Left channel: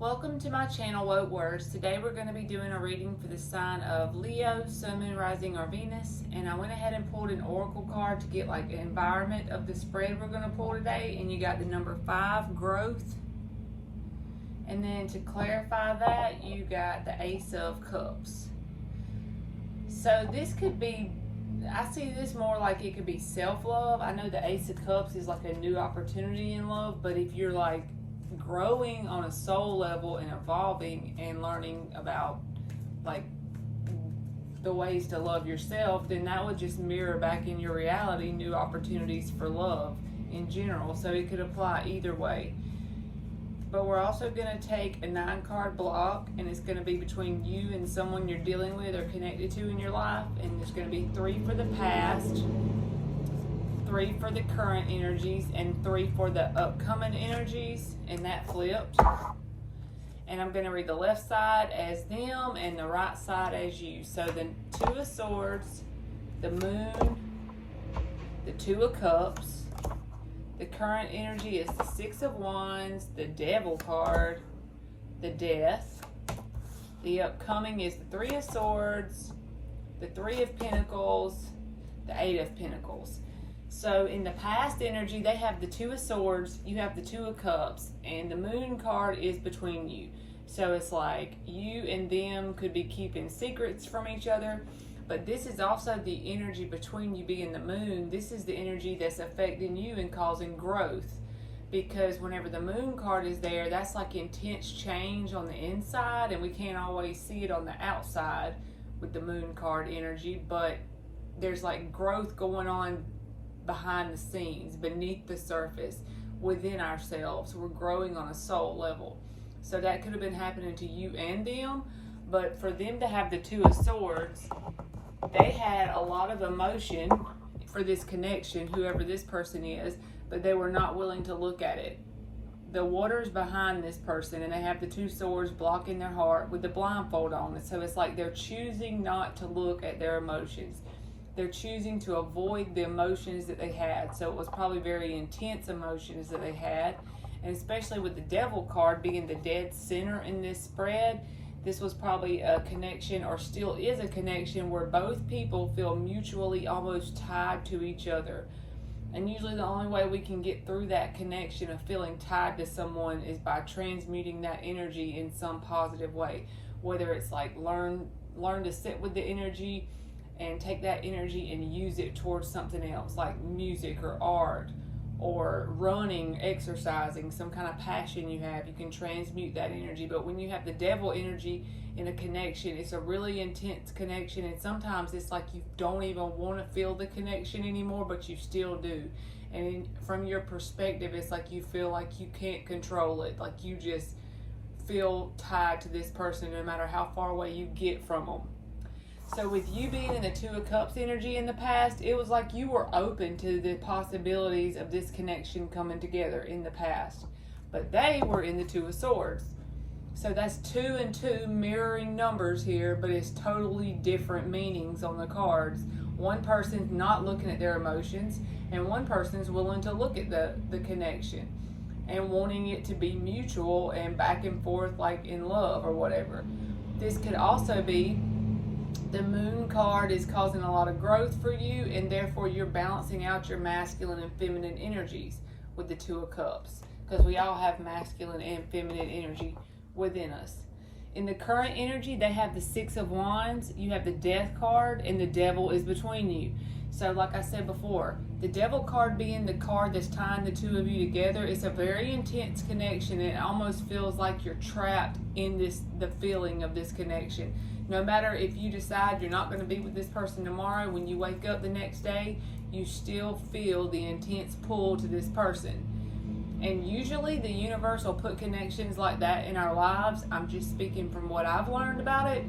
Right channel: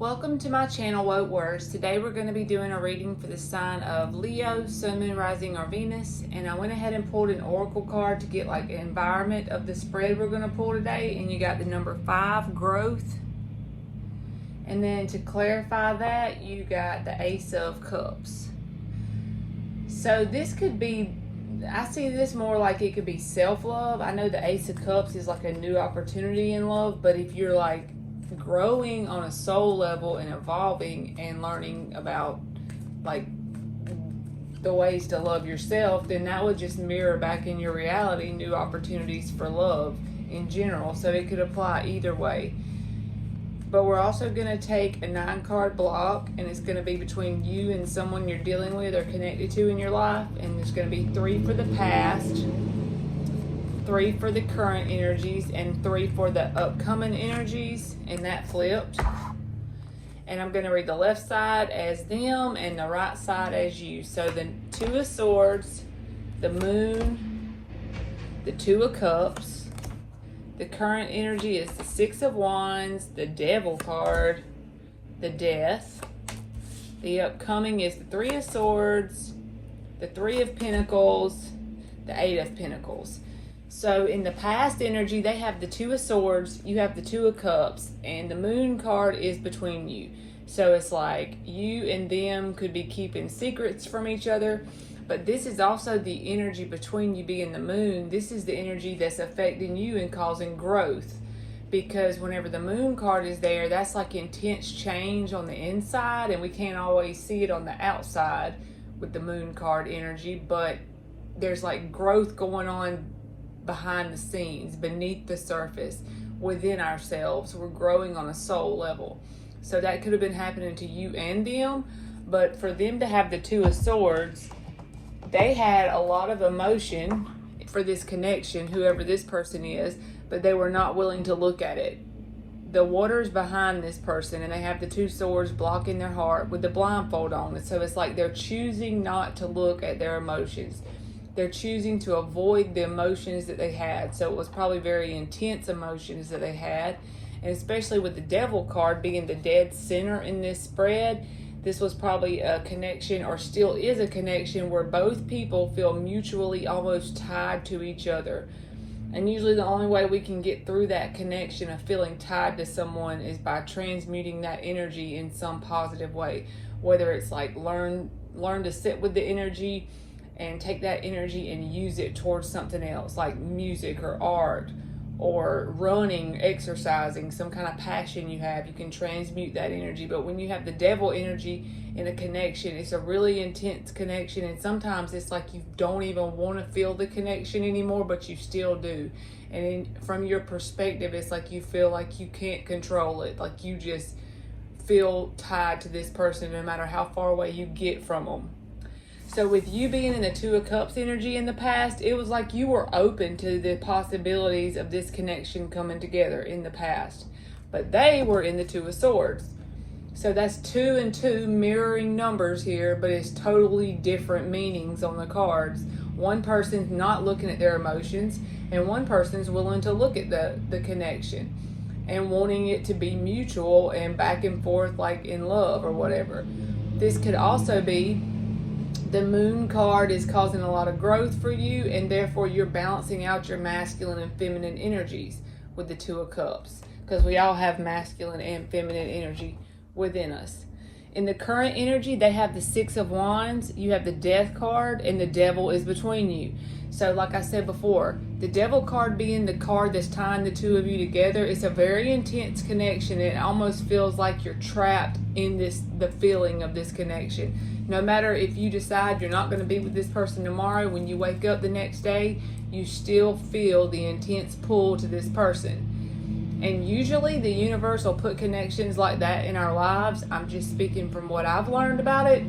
Welcome to my channel, Woke Words. Today we're going to be doing a reading for the sign of Leo, Sun, Moon, Rising, or Venus. And I went ahead and pulled an oracle card to get like an environment of the spread we're going to pull today. And you got the number 5, growth. And then to clarify that, you got the Ace of Cups. So this could be, I see this more like it could be self-love. I know the Ace of Cups is like a new opportunity in love, but if you're like growing on a soul level and evolving and learning about like the ways to love yourself, then that would just mirror back in your reality new opportunities for love in general. So it could apply either way. But we're also going to take a 9-card block, and it's going to be between you and someone you're dealing with or connected to in your life. And there's going to be 3 for the past, 3 for the current energies, and 3 for the upcoming energies, and that flipped. And I'm going to read the left side as them and the right side as you. So the 2 of Swords, the Moon, the 2 of Cups. The current energy is the 6 of Wands, the Devil card, the Death. The upcoming is the 3 of Swords, the 3 of Pentacles, the 8 of Pentacles. So in the past energy, they have the 2 of Swords, you have the 2 of Cups, and the Moon card is between you. So it's like you and them could be keeping secrets from each other, but this is also the energy between you being the Moon. This is the energy that's affecting you and causing growth. Because whenever the Moon card is there, that's like intense change on the inside, and we can't always see it on the outside with the Moon card energy, but there's like growth going on behind the scenes, beneath the surface, within ourselves. We're growing on a soul level. So that could have been happening to you and them, but for them to have the 2 of Swords, they had a lot of emotion for this connection, whoever this person is, but they were not willing to look at it. The water's behind this person, and they have the 2 swords blocking their heart with the blindfold on. So it's like they're choosing not to look at their emotions. They're choosing to avoid the emotions that they had. So it was probably very intense emotions that they had. And especially with the Devil card being the dead center in this spread, this was probably a connection, or still is a connection, where both people feel mutually almost tied to each other. And usually the only way we can get through that connection of feeling tied to someone is by transmuting that energy in some positive way. Whether it's like learn to sit with the energy and take that energy and use it towards something else, like music or art or running, exercising, some kind of passion you have, you can transmute that energy. But when you have the Devil energy in a connection, it's a really intense connection, and sometimes it's like you don't even want to feel the connection anymore, but you still do. And from your perspective, it's like you feel like you can't control it, like you just feel tied to this person no matter how far away you get from them. So with you being in the 2 of Cups energy in the past, it was like you were open to the possibilities of this connection coming together in the past. But they were in the 2 of Swords. So that's 2 and 2 mirroring numbers here, but it's totally different meanings on the cards. One person's not looking at their emotions, and one person's willing to look at the connection and wanting it to be mutual and back and forth like in love or whatever. This could also be the Moon card is causing a lot of growth for you, and therefore you're balancing out your masculine and feminine energies with the 2 of Cups, because we all have masculine and feminine energy within us. In the current energy, they have the 6 of Wands, you have the Death card, and the Devil is between you. So like I said before, the Devil card being the card that's tying the 2 of you together, it's a very intense connection. It almost feels like you're trapped in the feeling of this connection. No matter if you decide you're not going to be with this person tomorrow, when you wake up the next day, you still feel the intense pull to this person. And usually the universe will put connections like that in our lives. I'm just speaking from what I've learned about it,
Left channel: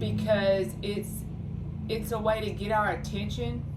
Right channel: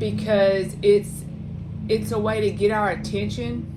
because it's a way to get our attention,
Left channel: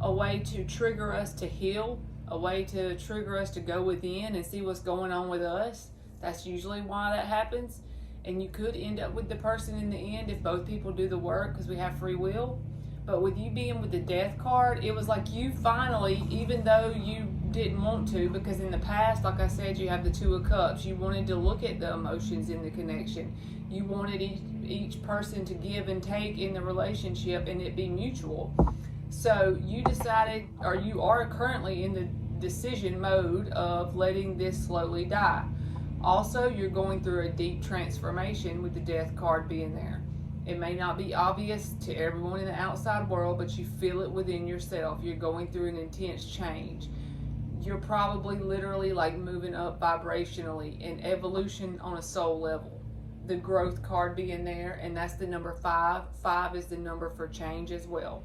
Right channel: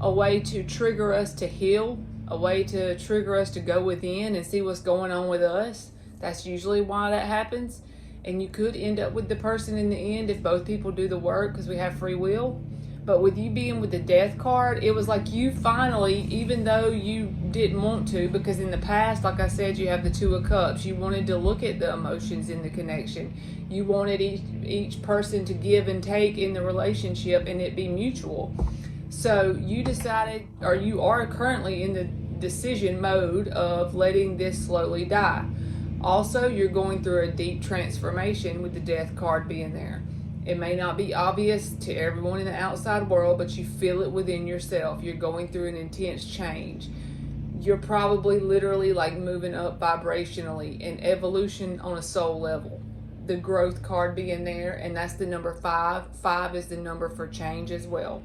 a way to trigger us to heal, a way to trigger us to go within and see what's going on with us. That's usually why that happens. And you could end up with the person in the end if both people do the work, because we have free will. But with you being with the death card, it was like you finally, even though you didn't want to, because in the past, like I said, you have the Two of Cups. You wanted to look at the emotions in the connection. You wanted each person to give and take in the relationship and it be mutual. So you decided, or you are currently in the decision mode of letting this slowly die. Also, you're going through a deep transformation with the death card being there. It may not be obvious to everyone in the outside world, but you feel it within yourself. You're going through an intense change. You're probably literally like moving up vibrationally, and evolution on a soul level. The growth card being there, and that's the number 5. 5 is the number for change as well.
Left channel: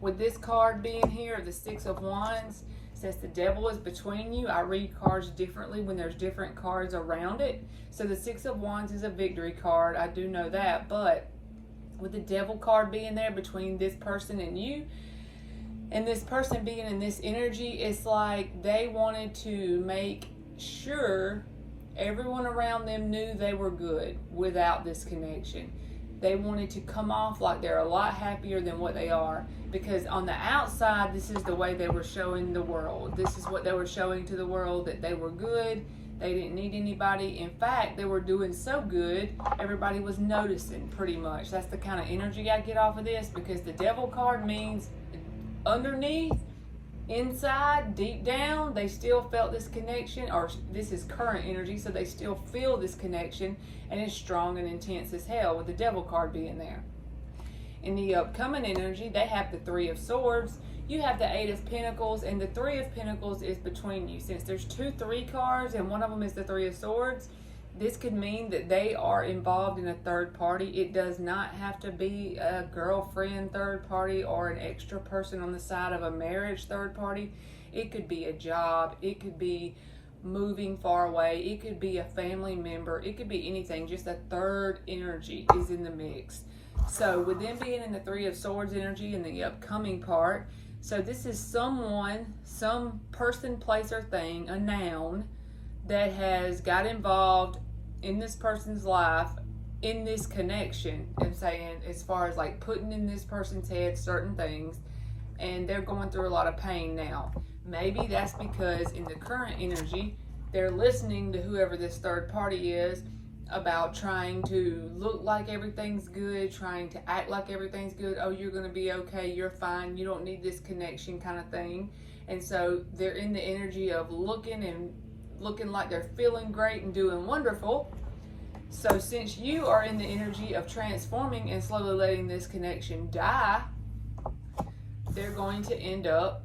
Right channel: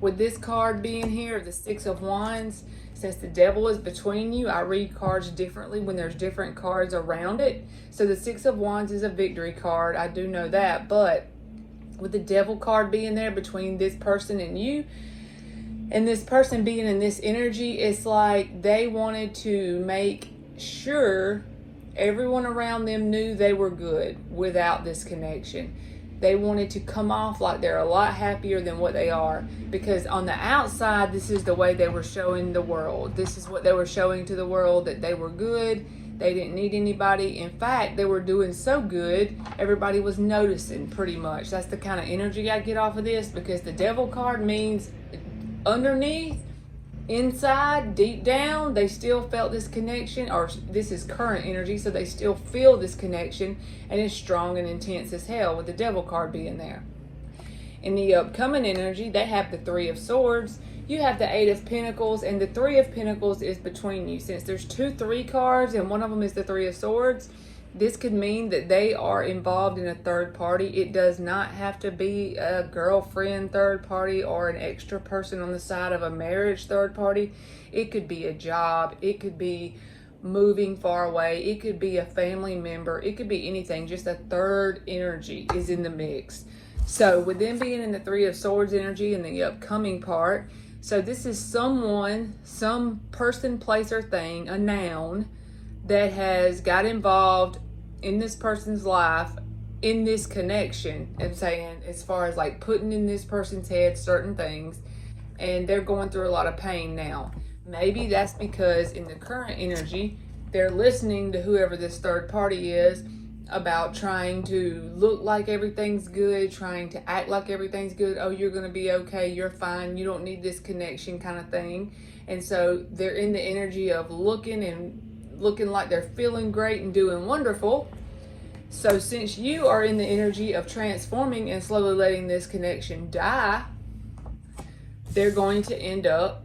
With this card being here, the Six of Wands, says the devil is between you. I read cards differently when there's different cards around it. So the Six of Wands is a victory card. I do know that. But with the devil card being there between this person and you, and this person being in this energy, it's like they wanted to make sure everyone around them knew they were good without this connection. They wanted to come off like they're a lot happier than what they are, because on the outside, this is the way they were showing the world. This is what they were showing to the world, that they were good. They didn't need anybody. In fact, they were doing so good, everybody was noticing pretty much. That's the kind of energy I get off of this, because the devil card means underneath, inside, deep down, they still felt this connection, or this is current energy, so they still feel this connection, and it's strong and intense as hell with the devil card being there. In the upcoming energy, they have the Three of Swords. You have the Eight of Pentacles, and the Three of Pentacles is between you. Since there's 2 3 cards, and one of them is the Three of Swords, this could mean that they are involved in a third party. It does not have to be a girlfriend third party or an extra person on the side of a marriage third party. It could be a job. It could be moving far away. It could be a family member. It could be anything. Just a third energy is in the mix. So with them being in the Three of Swords energy in the upcoming part, so this is someone, some person, place, or thing, a noun, that has got involved in this person's life, in this connection. I'm saying, as far as like putting in this person's head certain things, and they're going through a lot of pain now. Maybe that's because in the current energy, they're listening to whoever this third party is about trying to look like everything's good, trying to act like everything's good. Oh, you're going to be okay. You're fine. You don't need this connection kind of thing. And so they're in the energy of looking like they're feeling great and doing wonderful. So since you are in the energy of transforming and slowly letting this connection die, they're going to end up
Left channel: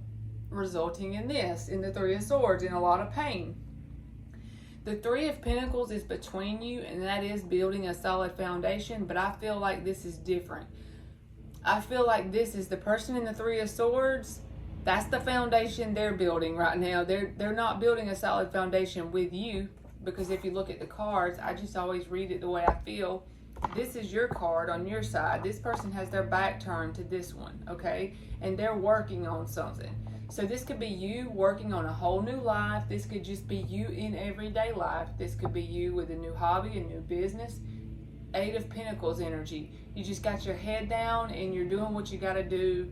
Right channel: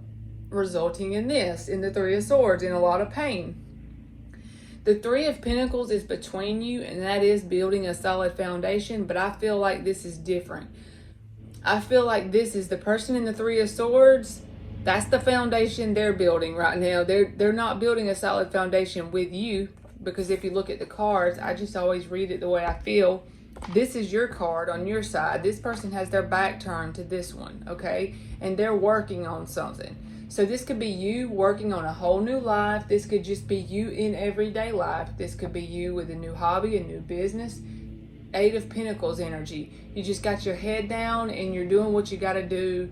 resulting in this, in the Three of Swords, in a lot of pain. The Three of Pentacles is between you, and that is building a solid foundation, but I feel like this is different. I feel like this is the person in the Three of Swords. That's the foundation they're building right now. They're not building a solid foundation with you, because if you look at the cards, I just always read it the way I feel. This is your card on your side. This person has their back turned to this one, okay? And they're working on something. So this could be you working on a whole new life. This could just be you in everyday life. This could be you with a new hobby, a new business. Eight of Pentacles energy. You just got your head down and you're doing what you got to do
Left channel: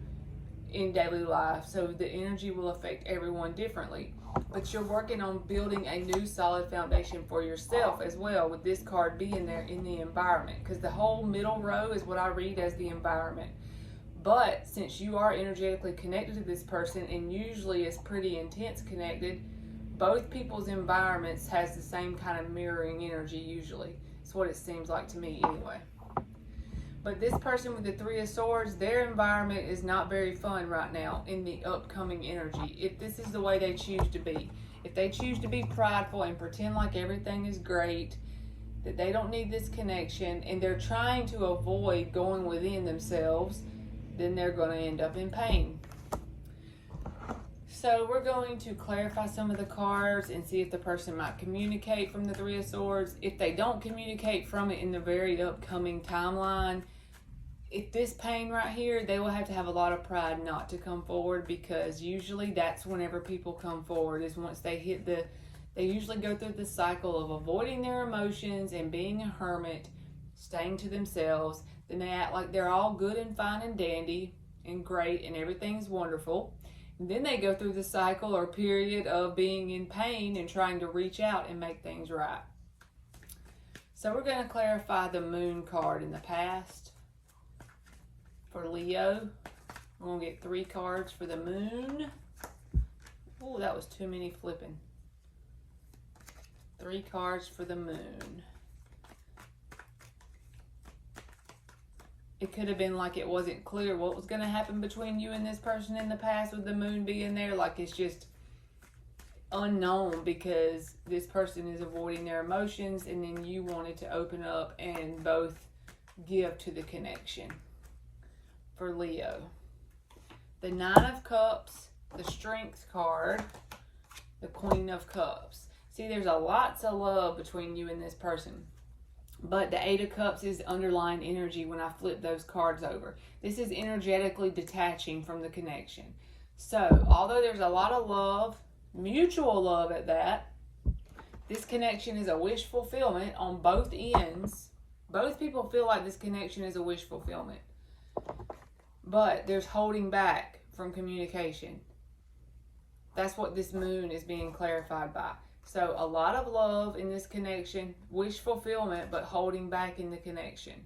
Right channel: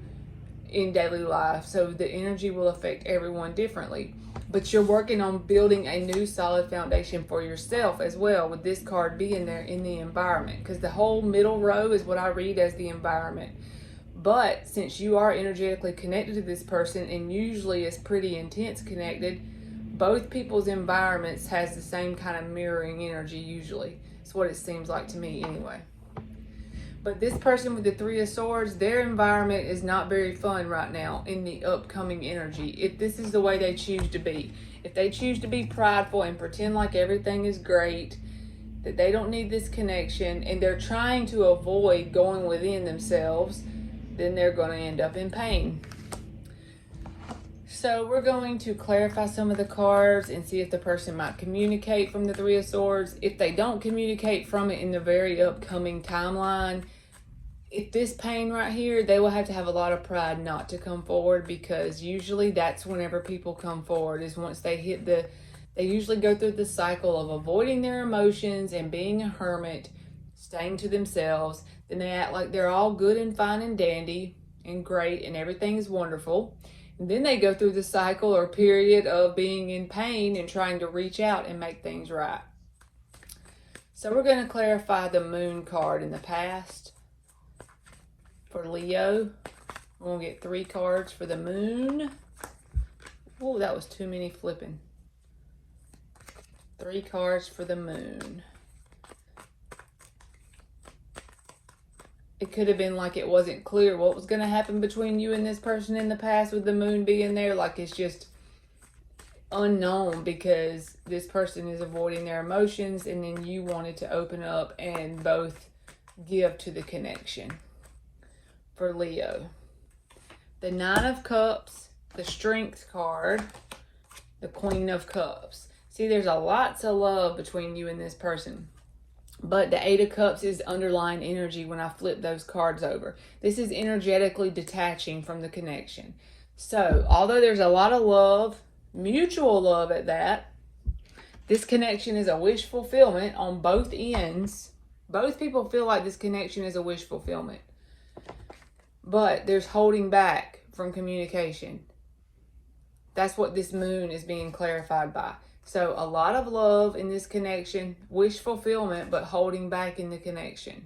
in daily life. So the energy will affect everyone differently. But you're working on building a new solid foundation for yourself as well, with this card being there in the environment. Because the whole middle row is what I read as the environment. But since you are energetically connected to this person, and usually is pretty intense connected, both people's environments has the same kind of mirroring energy usually. It's what it seems like to me anyway. But this person with the Three of Swords, their environment is not very fun right now in the upcoming energy. If this is the way they choose to be. If they choose to be prideful and pretend like everything is great, that they don't need this connection, and they're trying to avoid going within themselves, then they're going to end up in pain. So we're going to clarify some of the cards and see if the person might communicate from the Three of Swords. If they don't communicate from it in the very upcoming timeline, if this pain right here, they will have to have a lot of pride not to come forward, because usually that's whenever people come forward, is once they hit they usually go through the cycle of avoiding their emotions and being a hermit, staying to themselves. Then they act like they're all good and fine and dandy, and great and everything's wonderful. And then they go through the cycle or period of being in pain and trying to reach out and make things right. So we're going to clarify the moon card in the past for Leo. We're going to get 3 cards for the moon. Oh, that was too many flipping. 3 cards for the moon. It could have been like it wasn't clear what was going to happen between you and this person in the past with the moon being there. Like it's just unknown because this person is avoiding their emotions, and then you wanted to open up and both give to the connection. For Leo, the 9 of Cups, the Strength card, the Queen of Cups. See, there's a lots of love between you and this person. But the 8 of Cups is underlying energy when I flip those cards over. This is energetically detaching from the connection. So, although there's a lot of love, mutual love at that, this connection is a wish fulfillment on both ends. Both people feel like this connection is a wish fulfillment. But there's holding back from communication. That's what this moon is being clarified by. So a lot of love in this connection, wish fulfillment, but holding back in the connection.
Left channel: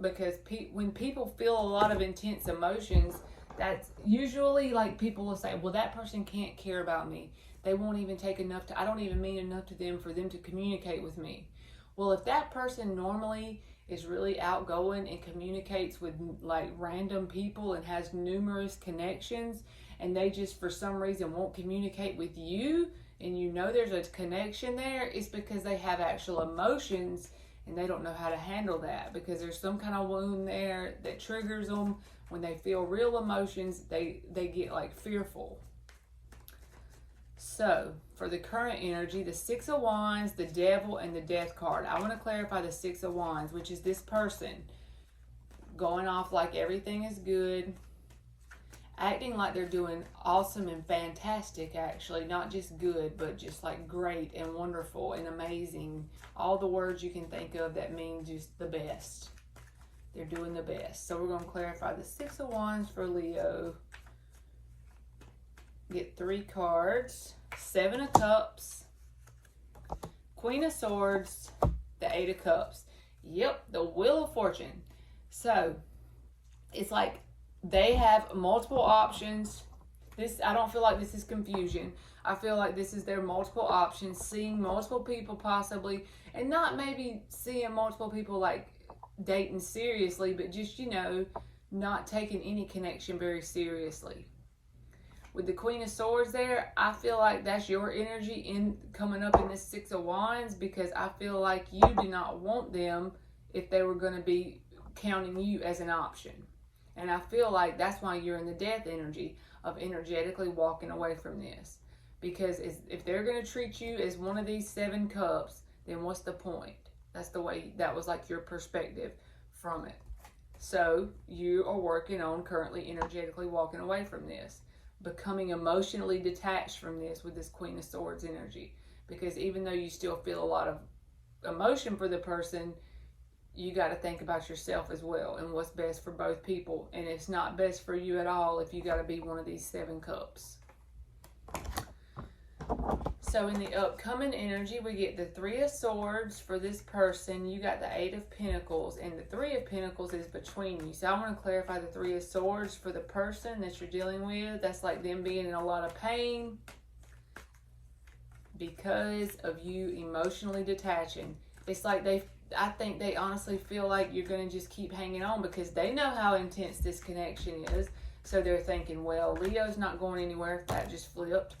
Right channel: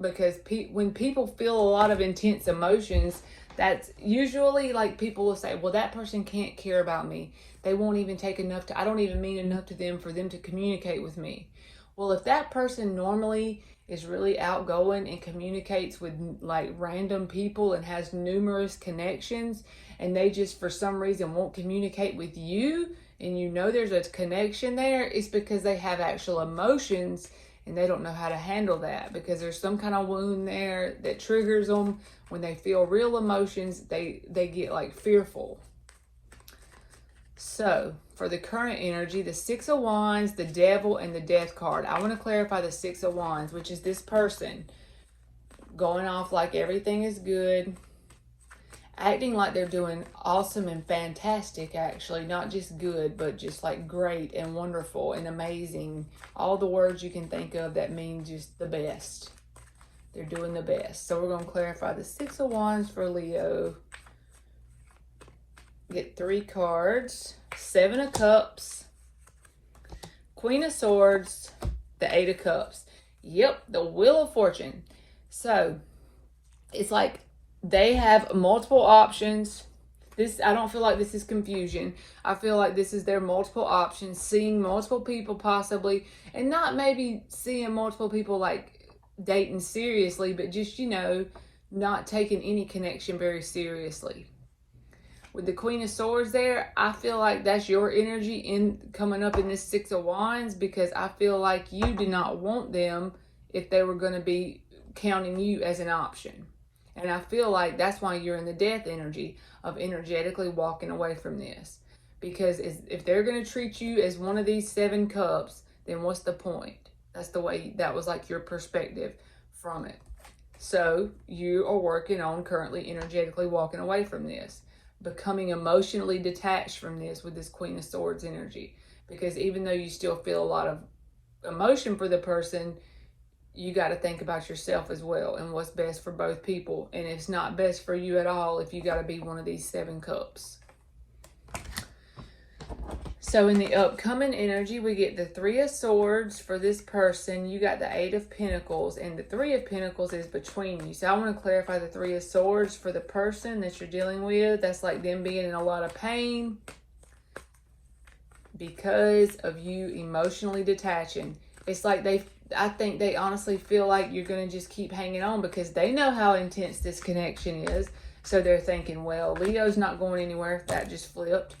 Because when people feel a lot of intense emotions, that's usually like people will say, well, that person can't care about me. They won't even take enough I don't even mean enough to them for them to communicate with me. Well, if that person normally is really outgoing and communicates with like random people and has numerous connections, and they just for some reason won't communicate with you, and you know there's a connection there, it's because they have actual emotions and they don't know how to handle that, because there's some kind of wound there that triggers them. When they feel real emotions, they get like fearful. So for the current energy, the 6 of Wands, the Devil, and the Death card. I want to clarify the 6 of Wands, which is this person going off like everything is good, acting like they're doing awesome and fantastic, actually, not just good, but just like great and wonderful and amazing. All the words you can think of that mean just the best. They're doing the best. So we're going to clarify the 6 of Wands for Leo. Get 3 cards. 7 of Cups, Queen of Swords, the 8 of Cups. Yep, the Wheel of Fortune. So it's like they have multiple options. I don't feel like this is confusion. I feel like this is their multiple options, seeing multiple people possibly, and not maybe seeing multiple people like dating seriously, but just, you know, not taking any connection very seriously. With the Queen of Swords there, I feel like that's your energy in coming up in this 6 of Wands, because I feel like you did not want them if they were going to be counting you as an option. And I feel like that's why you're in the Death energy of energetically walking away from this. Because if they're going to treat you as one of these 7 cups, then what's the point? That's the way, that was like your perspective from it. So you are working on currently energetically walking away from this, becoming emotionally detached from this with this Queen of Swords energy. Because even though you still feel a lot of emotion for the person, you got to think about yourself as well and what's best for both people. And it's not best for you at all if you got to be one of these 7 cups. So in the upcoming energy, we get the 3 of Swords for this person. You got the 8 of Pentacles, and the 3 of Pentacles is between you. So I want to clarify the 3 of Swords for the person that you're dealing with. That's like them being in a lot of pain because of you emotionally detaching. It's like I think they honestly feel like you're going to just keep hanging on because they know how intense this connection is. So they're thinking, well, Leo's not going anywhere. That just flipped.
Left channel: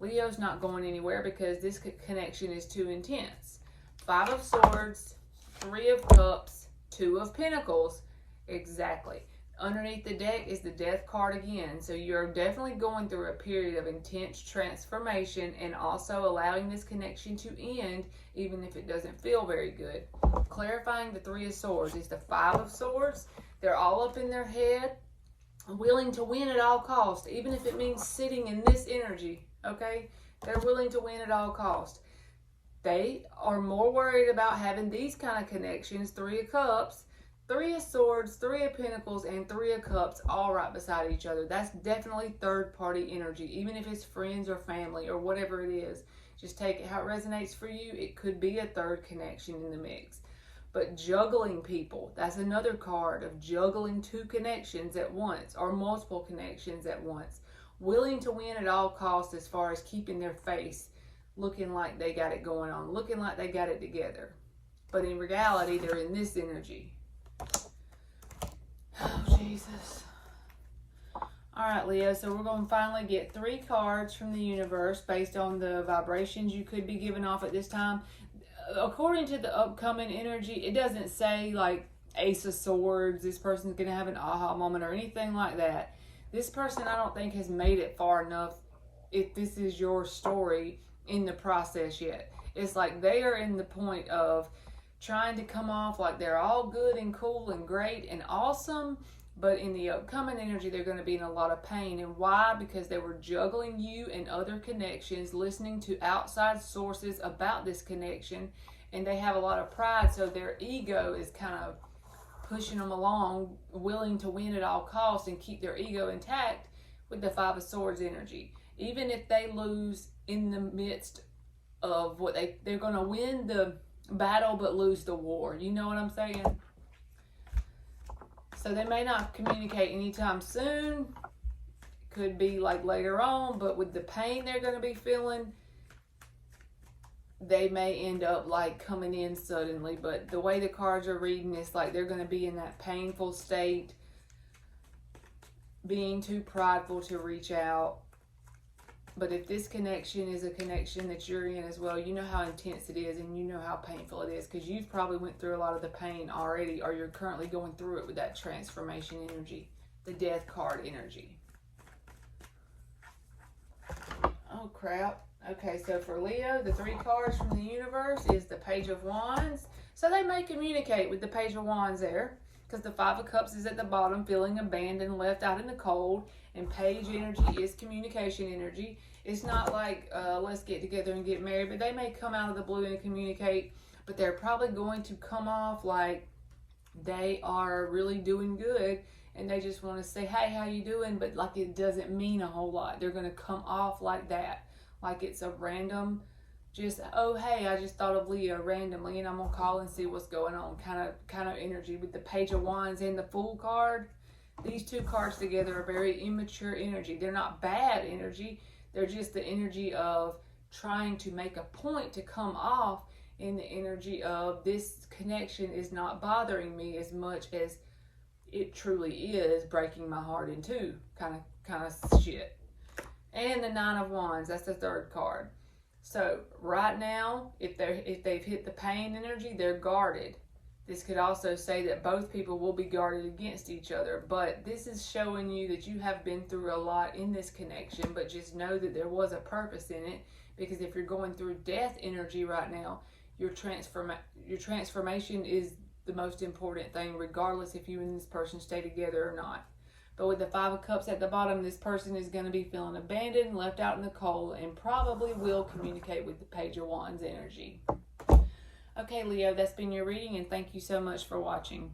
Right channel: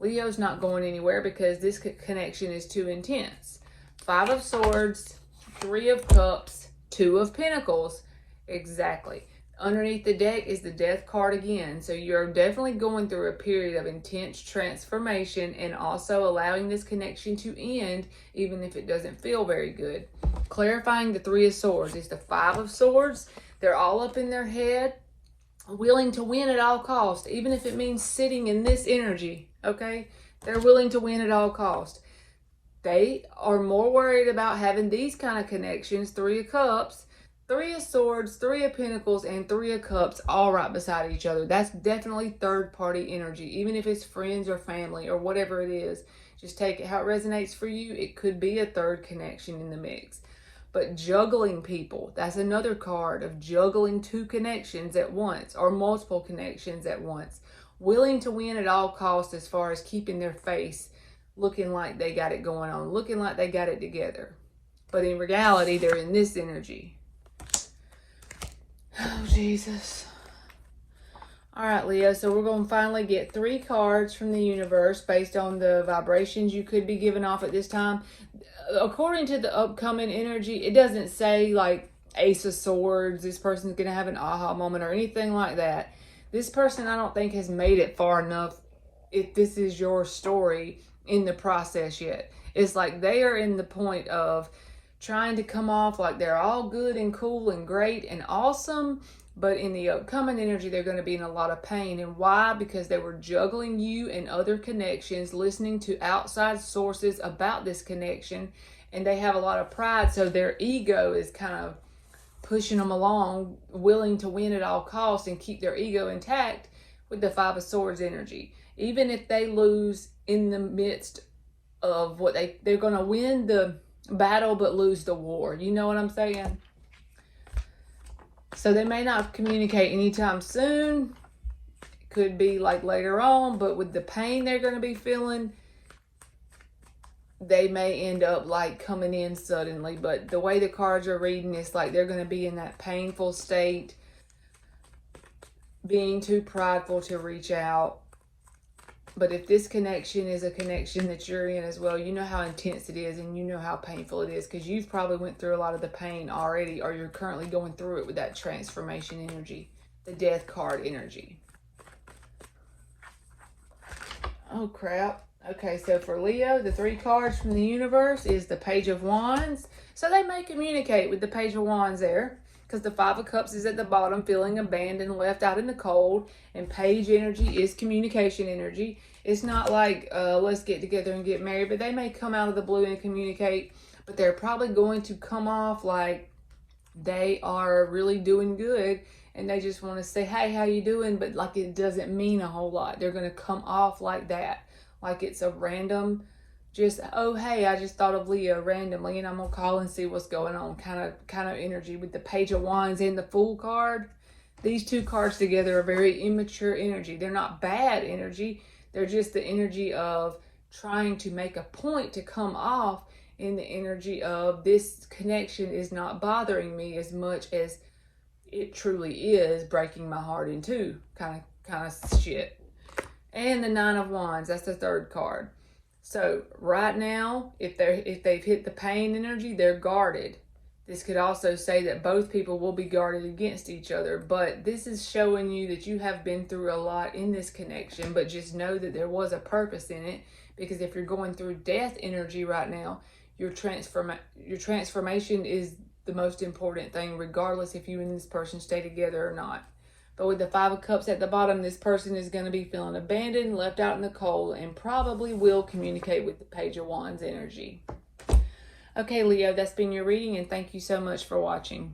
Leo's not going anywhere because this connection is too intense. 5 of Swords, 3 of Cups, 2 of Pentacles. Exactly. Underneath the deck is the Death card again. So you're definitely going through a period of intense transformation and also allowing this connection to end, even if it doesn't feel very good. Clarifying the 3 of Swords is the 5 of Swords. They're all up in their head, willing to win at all costs, even if it means sitting in this energy. Okay, they're willing to win at all costs. They are more worried about having these kind of connections, 3 of Cups, Three of Swords, Three of Pentacles, and Three of Cups all right beside each other. That's definitely third party energy. Even if it's friends or family or whatever it is, just take it how it resonates for you. It could be a third connection in the mix. But juggling people, that's another card of juggling two connections at once or multiple connections at once. Willing to win at all costs as far as keeping their face looking like they got it going on, looking like they got it together. But in reality, they're in this energy. Oh, Jesus. All right, Leo, so we're going to finally get 3 cards from the universe based on the vibrations you could be giving off at this time. According to the upcoming energy, it doesn't say like Ace of Swords, this person's going to have an aha moment or anything like that. This person, I don't think, has made it far enough, if this is your story, in the process yet. It's like they are in the point of trying to come off like they're all good and cool and great and awesome, but in the upcoming energy they're going to be in a lot of pain. And why? Because they were juggling you and other connections, listening to outside sources about this connection, and they have a lot of pride, so their ego is kind of pushing them along, willing to win at all costs and keep their ego intact with the Five of Swords energy. Even if they lose in the midst of what they're going to win the battle but lose the war. You know what I'm saying? So they may not communicate anytime soon. It could be like later on, but with the pain they're going to be feeling, they may end up like coming in suddenly. But the way the cards are reading, it's like they're going to be in that painful state, being too prideful to reach out. But if this connection is a connection that you're in as well, you know how intense it is and you know how painful it is, because you've probably went through a lot of the pain already, or you're currently going through it with that transformation energy, the Death card energy. Oh, crap. Okay, so for Leo, the 3 cards from the universe is the Page of Wands. So they may communicate with the Page of Wands there, because the Five of Cups is at the bottom, feeling abandoned, left out in the cold, and Page energy is communication energy. It's not like, let's get together and get married, but they may come out of the blue and communicate, but they're probably going to come off like they are really doing good, and they just want to say, hey, how you doing? But like it doesn't mean a whole lot. They're going to come off like that, like it's a random, just, oh, hey, I just thought of Leo randomly and I'm going to call and see what's going on kind of energy. With the Page of Wands and the Fool card, these 2 cards together are very immature energy. They're not bad energy. They're just the energy of trying to make a point to come off in the energy of this connection is not bothering me as much as it truly is breaking my heart in two, kind of shit. And the Nine of Wands, that's the 3rd card. So right now, if they've hit the pain energy, they're guarded. This could also say that both people will be guarded against each other, but this is showing you that you have been through a lot in this connection, but just know that there was a purpose in it, because if you're going through death energy right now, your transformation is the most important thing, regardless if you and this person stay together or not. But with the Five of Cups at the bottom, this person is going to be feeling abandoned, left out in the cold, and probably will communicate with the Page of Wands energy. Okay, Leo, that's been your reading, and thank you so much for watching.